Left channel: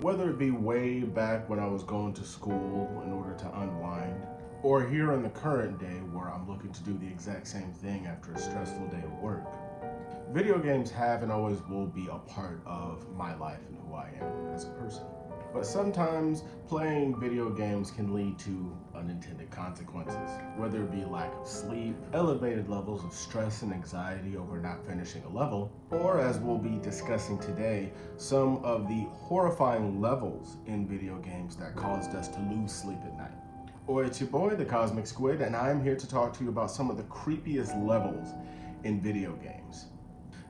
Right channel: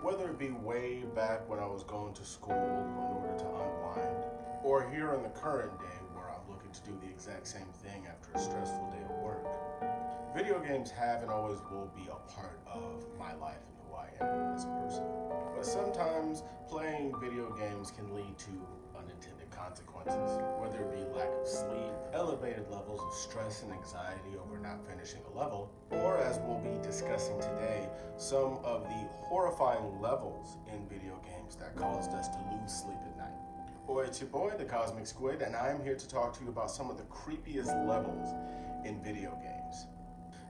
Whether it be way back when I was going to school in order to unwind, or here in the current day where I'm looking to do the exact same thing after a stressful day of work, video games have and always will be a part of my life and who I am as a person. But sometimes playing video games can lead to unintended consequences, whether it be lack of sleep, elevated levels of stress and anxiety over not finishing a level, or as we'll be discussing today, some of the horrifying levels in video games that caused us to lose sleep at night. Or it's your boy, the Cosmic Squid, and I'm here to talk to you about some of the creepiest levels in video games.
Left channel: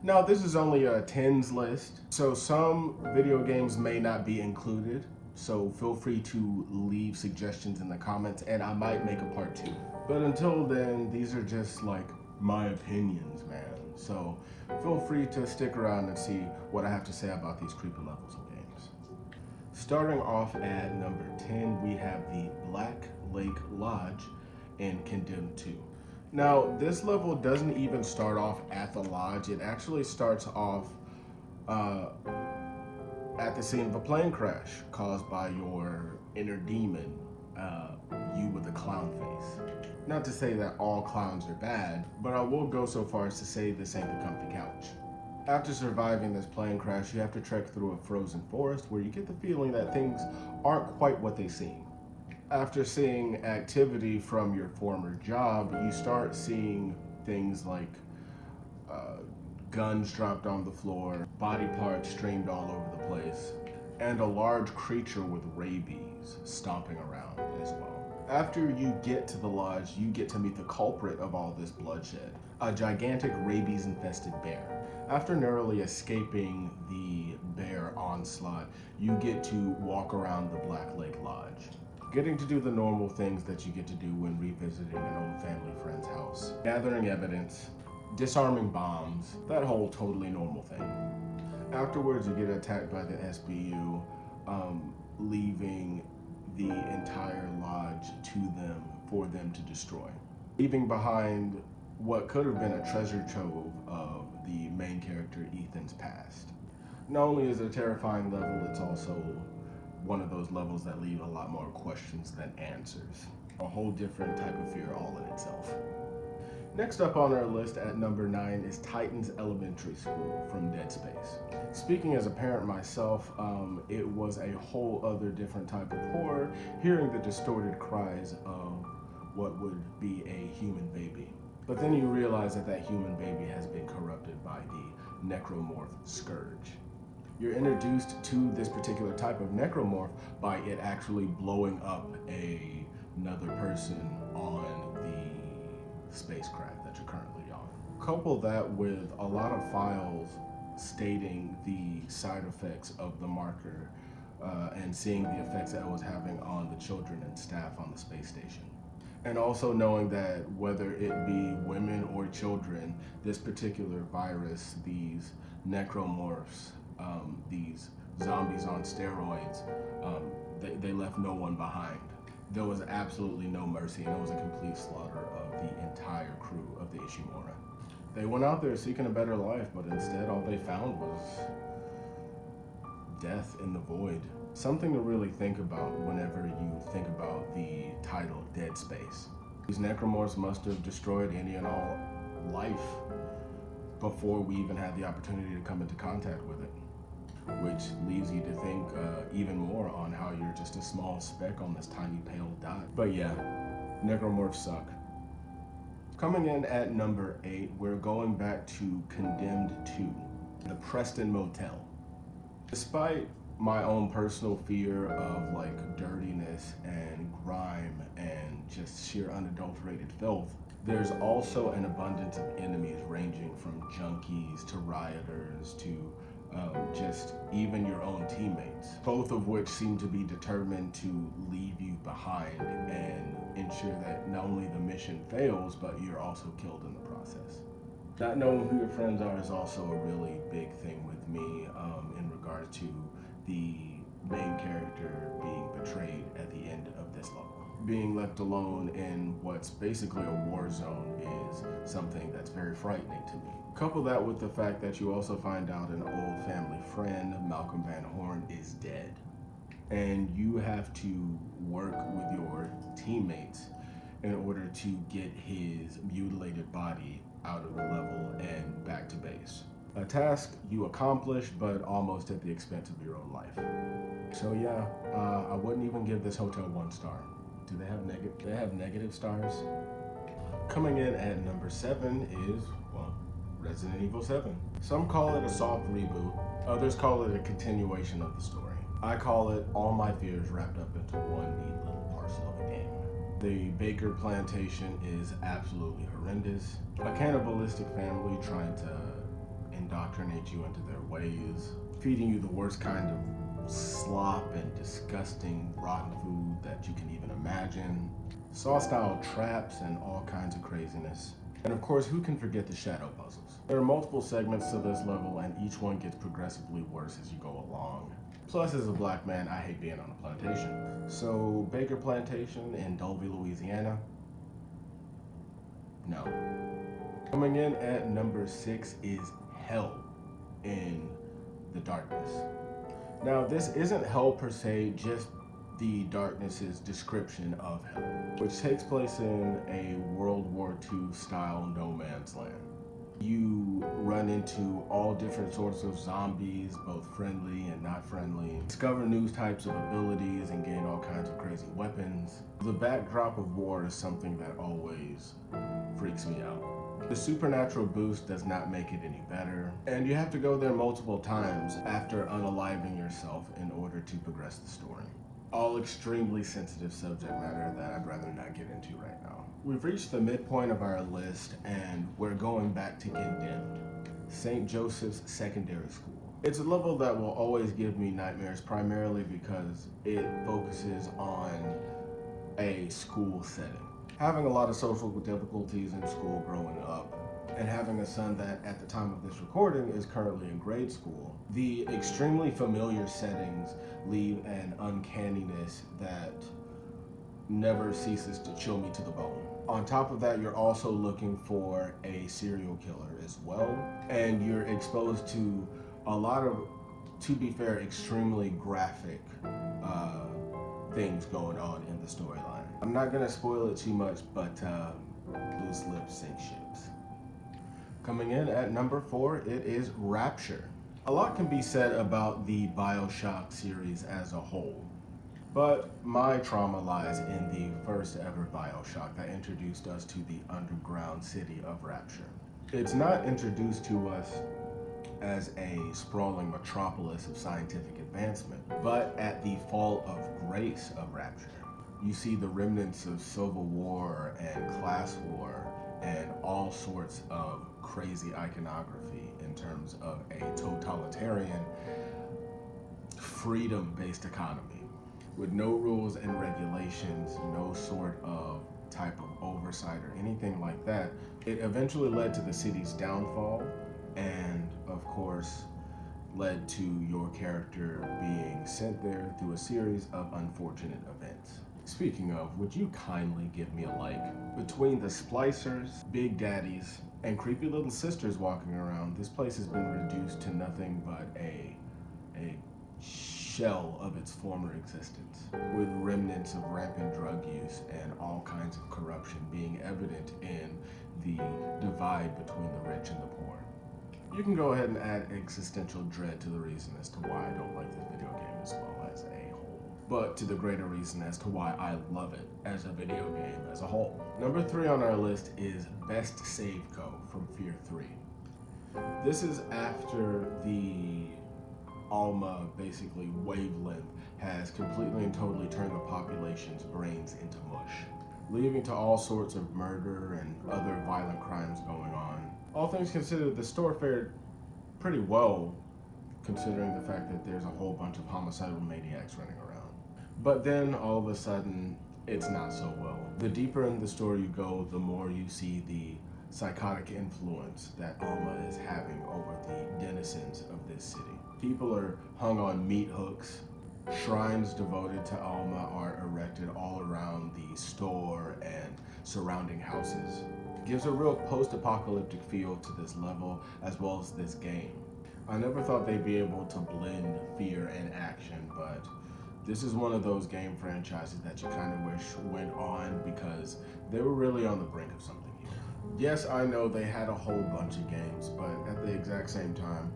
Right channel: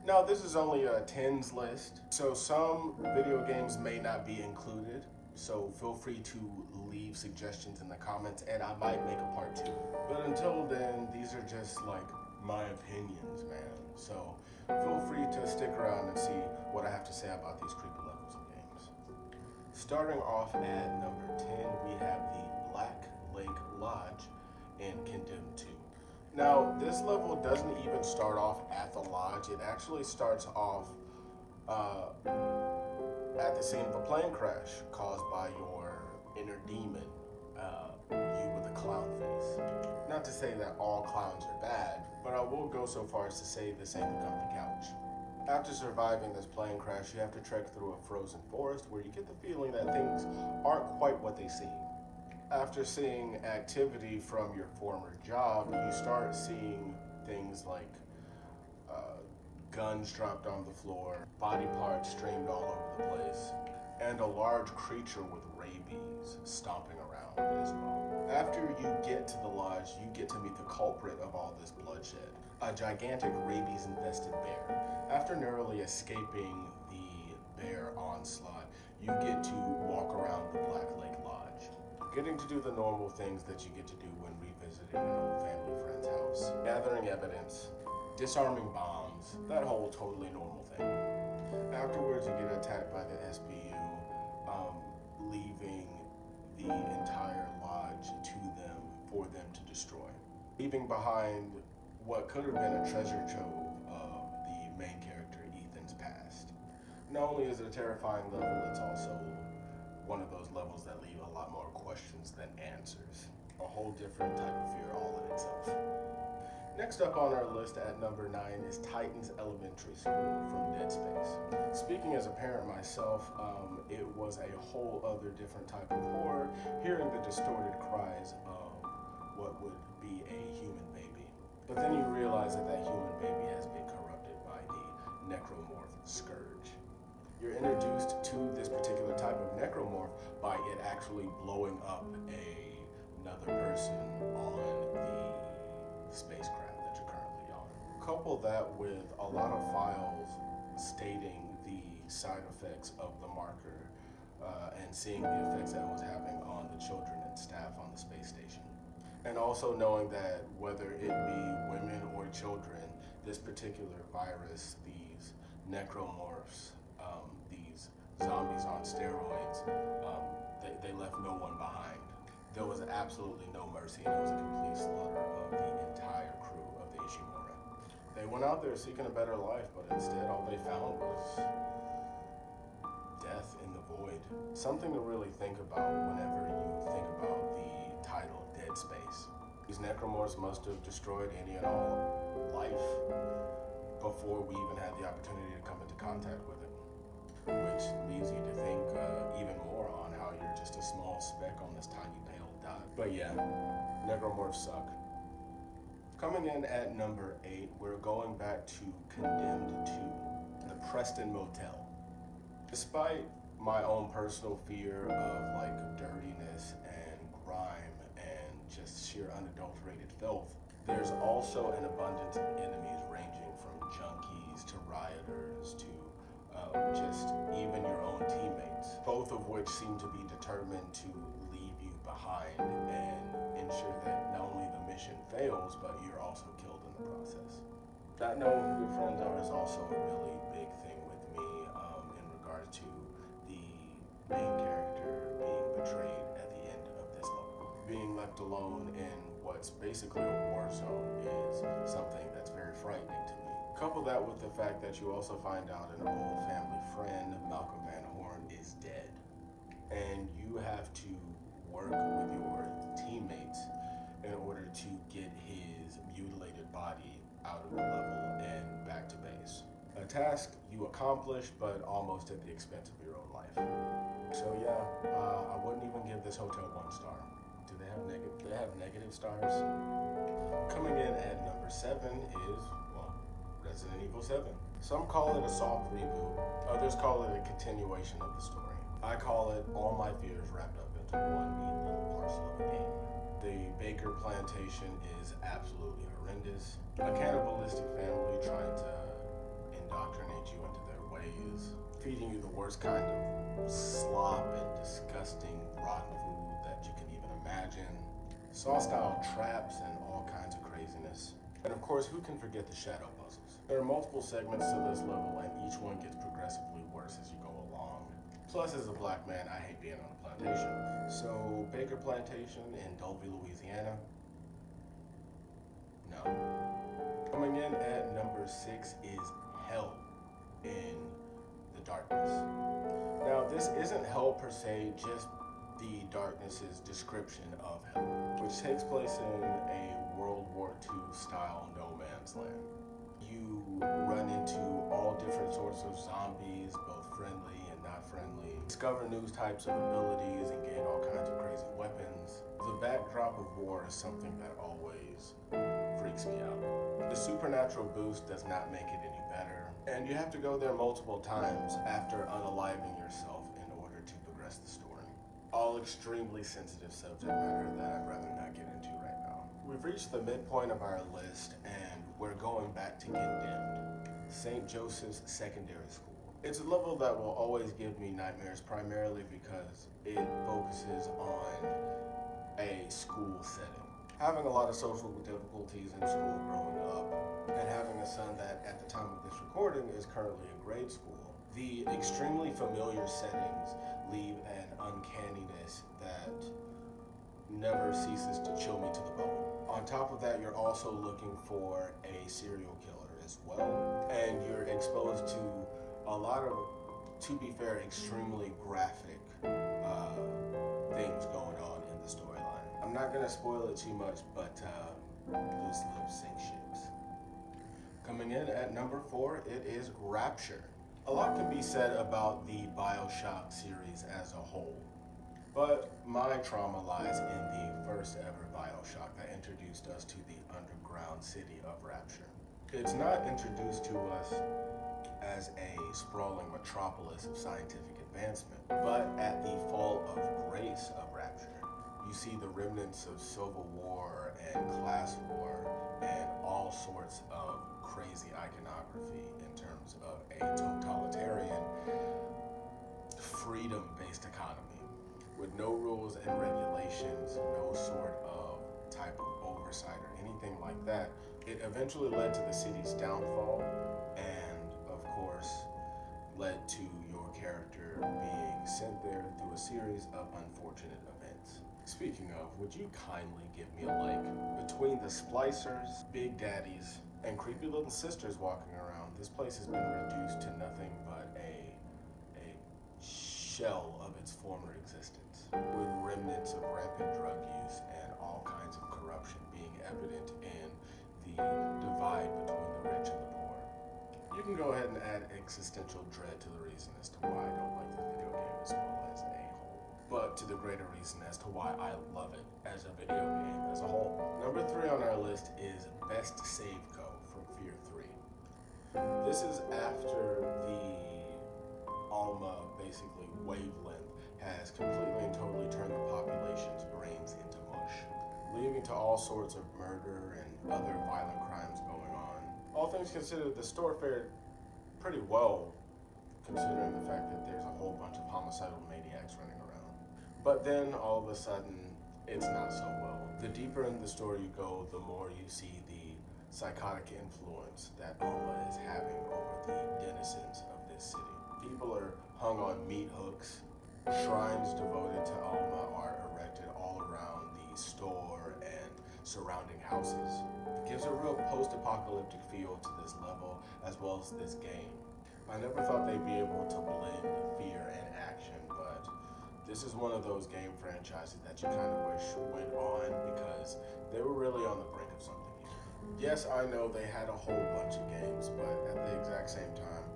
Now, this is only a tens list, so some video games may not be included, so feel free to leave suggestions in the comments and I might make a part 2. But until then, these are just like my opinions, man. So feel free to stick around and see what I have to say about these creepy levels of games. Starting off at number 10, we have the Black Lake Lodge in Condemned 2. Now, this level doesn't even start off at the lodge. It actually starts off at the scene of a plane crash caused by your inner demon, you with a clown face. Not to say that all clowns are bad, but I will go so far as to say this ain't the comfy couch. After surviving this plane crash, you have to trek through a frozen forest where you get the feeling that things aren't quite what they seem. After seeing activity from your former job, you start seeing things like guns dropped on the floor, body parts streamed all over the place, and a large creature with rabies stomping around as well. After you get to the lodge, you get to meet the culprit of all this bloodshed, a gigantic rabies-infested bear. After narrowly escaping the bear onslaught, you get to walk around the Black Lake Lodge, getting to do the normal things that you get to do when revisiting an old family friend's house. Gathering evidence, disarming bombs, that whole totally normal thing. Afterwards, you get attacked by the SBU, leaving the entire lodge to them for them to destroy. Leaving behind what could have been a treasure trove of the main character Ethan's past. Not only is it a terrifying level, it's also one of those levels that leave a lot more questions than answers. A whole different type of fear all in itself. Next up on our list at number 9 is Titan's Elementary School from Dead Space. Speaking as a parent myself, it was a whole other different type of horror, hearing the distorted cries of what would be a human baby. But then you realize that that human baby has been corrupted by the necromorph Scourge. You're introduced to this particular type of necromorph by it actually blowing up another person on the spacecraft that you're currently on. Couple that with a lot of files stating the side effects of the marker and seeing the effects that it was having on the children and staff on the space station. And also knowing that whether it be women or children, this particular virus, these necromorphs, these zombies on steroids, they left no one behind. There was absolutely no mercy, and it was a complete slaughter of the entire crew of the Ishimura. They went out there seeking a better life, but instead all they found was death in the void. Something to really think about whenever you think about the title Dead Space. These necromorphs must have destroyed any and all life before we even had the opportunity to come into contact with it, which leaves you to think even more on how you're just a small speck on this tiny pale dot. But yeah, necromorphs suck. Coming in at number 8, we're going back to Condemned 2, the Preston Motel. Despite my own personal fear of like dirtiness and grime and just sheer unadulterated filth, there's also an abundance of enemies ranging from junkies to rioters to just even your own teammates, both of which seem to be determined to leave you behind and ensure that not only the mission fails, but you're also killed in the process. Not knowing who your friends are is also a really big thing with me in regards to the main character being betrayed at the end of this level. Being left alone in what's basically a war zone is something that's very frightening to me. Couple that with the fact that you also find out an old family friend, Malcolm Van Horn, is dead. and you have to work with your teammates in order to get his mutilated body out of the level and back to base. A task you accomplish, but almost at the expense of your own life. So yeah, I wouldn't even give this hotel 1 star. Do they have negative stars? Coming in at number 7 is, well, Resident Evil 7. Some call it a soft reboot, others call it a continuation of the story. I call it all my fears wrapped up into one neat little parcel of a game. The Baker plantation is absolutely horrendous. A cannibalistic family trying to indoctrinate you into their ways, feeding you the worst kind of slop and disgusting rotten food that you can even imagine, Saw-style traps and all kinds of craziness. And of course, who can forget the shadow puzzles? There are multiple segments to this level, and each one gets progressively worse as you go along. Plus, as a black man, I hate being on a plantation. So, Baker Plantation in Dulvey, Louisiana? No. Coming in at number 6 is Hell in the Darkness. Now, this isn't hell per se, just the Darkness's description of hell, which takes place in a World War II style no man's land. You run into all different sorts of zombies, both friendly and not friendly, discover new types of abilities and gain all kinds of crazy weapons. The backdrop of war is something that always freaks me out. The supernatural boost does not make it any better, and you have to go there multiple times after unaliving yourself in order to progress the story. All extremely sensitive subject matter that I'd rather not get into right now. We've reached the midpoint of our list, and we're going back to Condemned, St. Joseph's Secondary School. It's a level that will always give me nightmares, primarily because it focuses on a school setting. Having a lot of social difficulties in school growing up, and having a son that at the time of this recording is currently in grade school, the extremely familiar settings leave an uncanniness that never ceases to chill me to the bone. On top of that, you're also looking for a serial killer as well, and you're exposed to a lot of, to be fair, extremely graphic things going on in the storyline. I'm not gonna spoil it too much, but loose lips sink ships. Coming in at number 4, it is Rapture. A lot can be said about the BioShock series as a whole, but my trauma lies in the first ever BioShock that introduced us to the underground city of Rapture. It's not introduced to us as a sprawling metropolis of scientific advancement, but at the fall of grace of Rapture. You see the remnants of civil war and class war and all sorts of crazy iconography in terms of a totalitarian, freedom-based economy with no rules and regulations, no sort of type of oversight or anything like that. It eventually led to the city's downfall and, of course, led to your character being sent there through a series of unfortunate events. Speaking of, would you kindly give me a like? Between the splicers, big daddies, and creepy little sisters walking around, this place has been reduced to nothing but a shell of its former existence, with remnants of rampant drug use and all kinds of corruption being evident in the divide between the rich and the poor. You can go ahead and add existential dread to the reason as to why I don't like this video game as well as a whole, but to the greater reason as to why I love it as a video game as a whole. Number 3 on our list is Best Save Co. from Fear 3. This is after the Alma, basically, wavelength has completely and totally turned the population's brains into mush, leading to all sorts of murder and other violent crimes going on. All things considered, the store fared pretty well, considering the fact that there's a whole bunch of homicidal maniacs running around. But then, all of a sudden, it's not so well. The deeper in the story you go, the more you see the psychotic influence that Alma is having over the denizens of this city. People are hung on meat hooks. Shrines devoted to Alma are erected all around the store and surrounding houses. It gives a real post-apocalyptic feel to this level as well as this game. I never thought they'd be able to blend fear and action, but This is one of those game franchises that you kind of wish went on because they were really on the brink of something here. Yes, I know they had a whole bunch of games, but at the exact same time,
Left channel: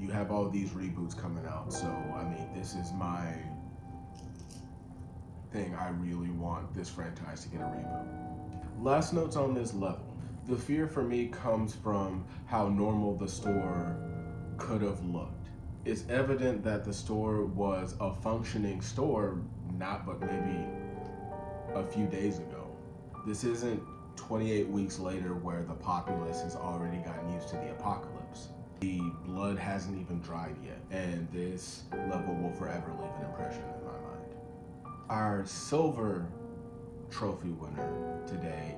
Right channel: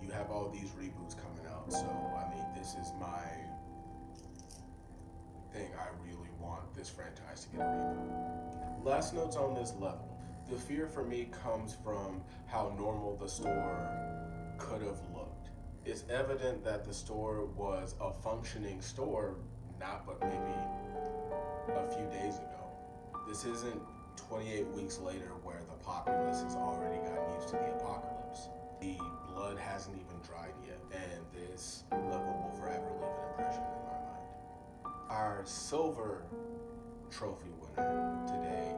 you have all these reboots coming out. So, I mean, this is my thing. I really want this franchise to get a reboot. Last notes on this level. The fear for me comes from how normal the store could have looked. It's evident that the store was a functioning store not but maybe a few days ago. This isn't 28 weeks later where the populace has already gotten used to the apocalypse. The blood hasn't even dried yet, and this level will forever leave an impression in my mind. Our silver trophy winner today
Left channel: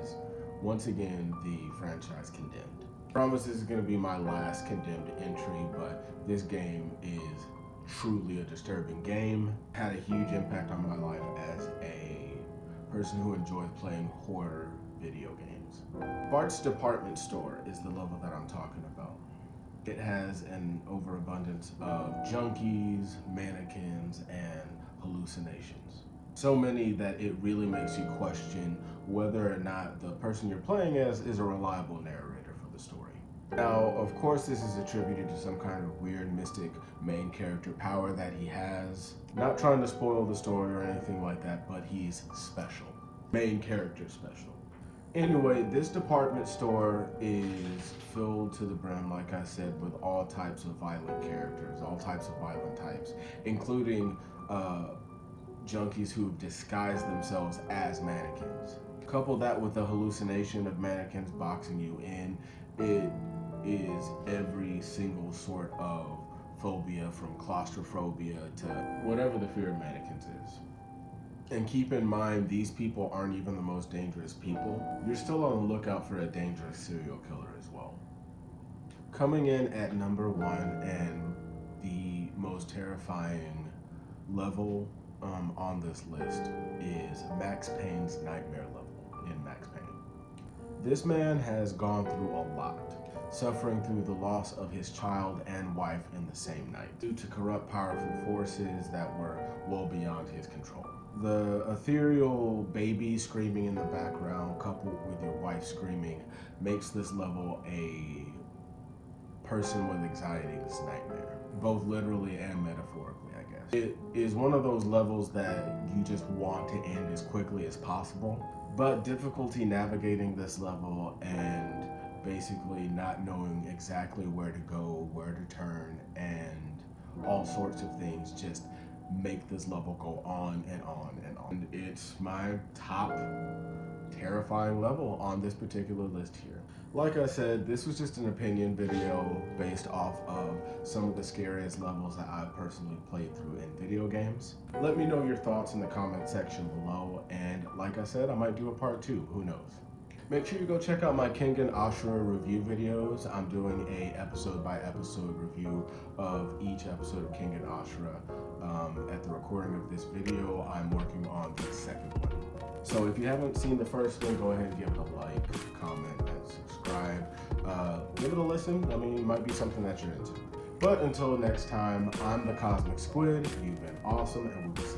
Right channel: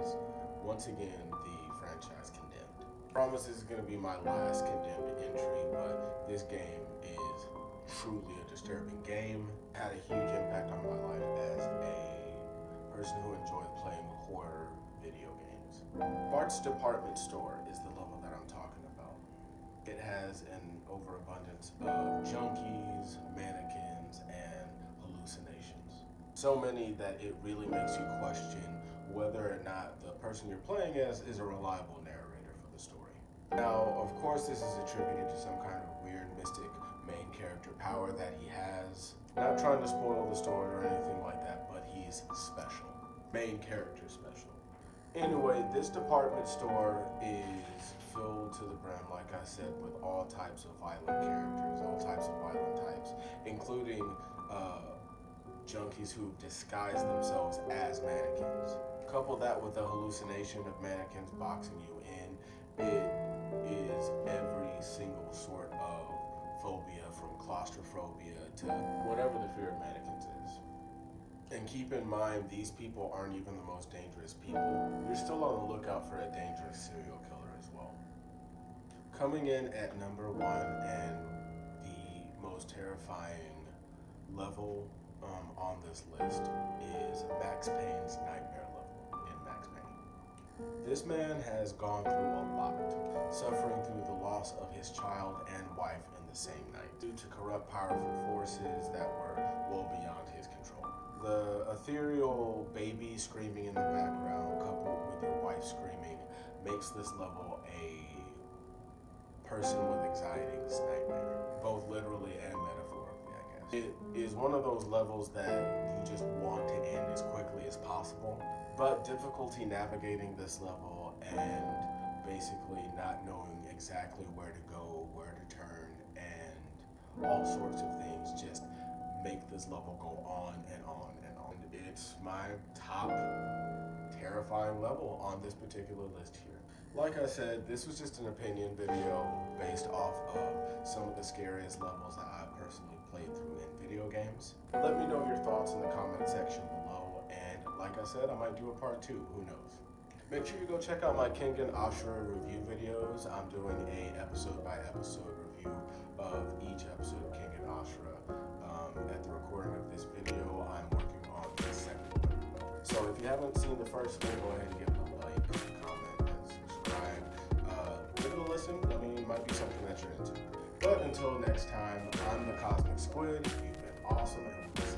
is once again the franchise Condemned. I promise this is going to be my last Condemned entry, but this game is truly a disturbing game. It had a huge impact on my life as a person who enjoys playing horror video games. Bart's Department Store is the level that I'm talking about. It has an overabundance of junkies, mannequins, and hallucinations. So many that it really makes you question whether or not the person you're playing as is a reliable narrator for the story. Now, of course, this is attributed to some kind of weird, mystic main character power that he has. Not trying to spoil the story or anything like that, but he's special. Main character special. Anyway, this department store is filled to the brim, like I said, with all types of violent characters, all types of violent types, including junkies who disguise themselves as mannequins. Couple that with the hallucination of mannequins boxing you in, it is every single sort of phobia, from claustrophobia to whatever the fear of mannequins is. And keep in mind, these people aren't even the most dangerous people. You're still on the lookout for a dangerous serial killer as well. Coming in at number 1 and the most terrifying level on this list is Max Payne's nightmare level in Max Payne. This man has gone through a lot, suffering through the loss of his child and wife in the same night due to corrupt, powerful forces that were well beyond his control. The ethereal baby screaming in the background, coupled with your wife screaming, makes this level a person with anxiety's nightmare, both literally and metaphorically, I guess. It is one of those levels that you just want to end as quickly as possible, but difficulty navigating this level and basically not knowing exactly where to go, where to turn, and all sorts of things just make this level go on and on and on. It's my top terrifying level on this particular list here. Like I said, this was just an opinion video based off of some of the scariest levels that I've personally played through in video games. Let me know your thoughts in the comment section below, and like I said, I might do a part 2, who knows. Make sure you go check out my Kengan Ashura review videos. I'm doing a episode by episode review of each episode of Kengan Ashura. At the recording of this video, I'm working on the second one. So if you haven't seen the first one, go ahead and give it a like, comment, and subscribe. Give it a listen. I mean, it might be something that you're into. But until next time, I'm the Cosmic Squid. You've been awesome, and we will see you.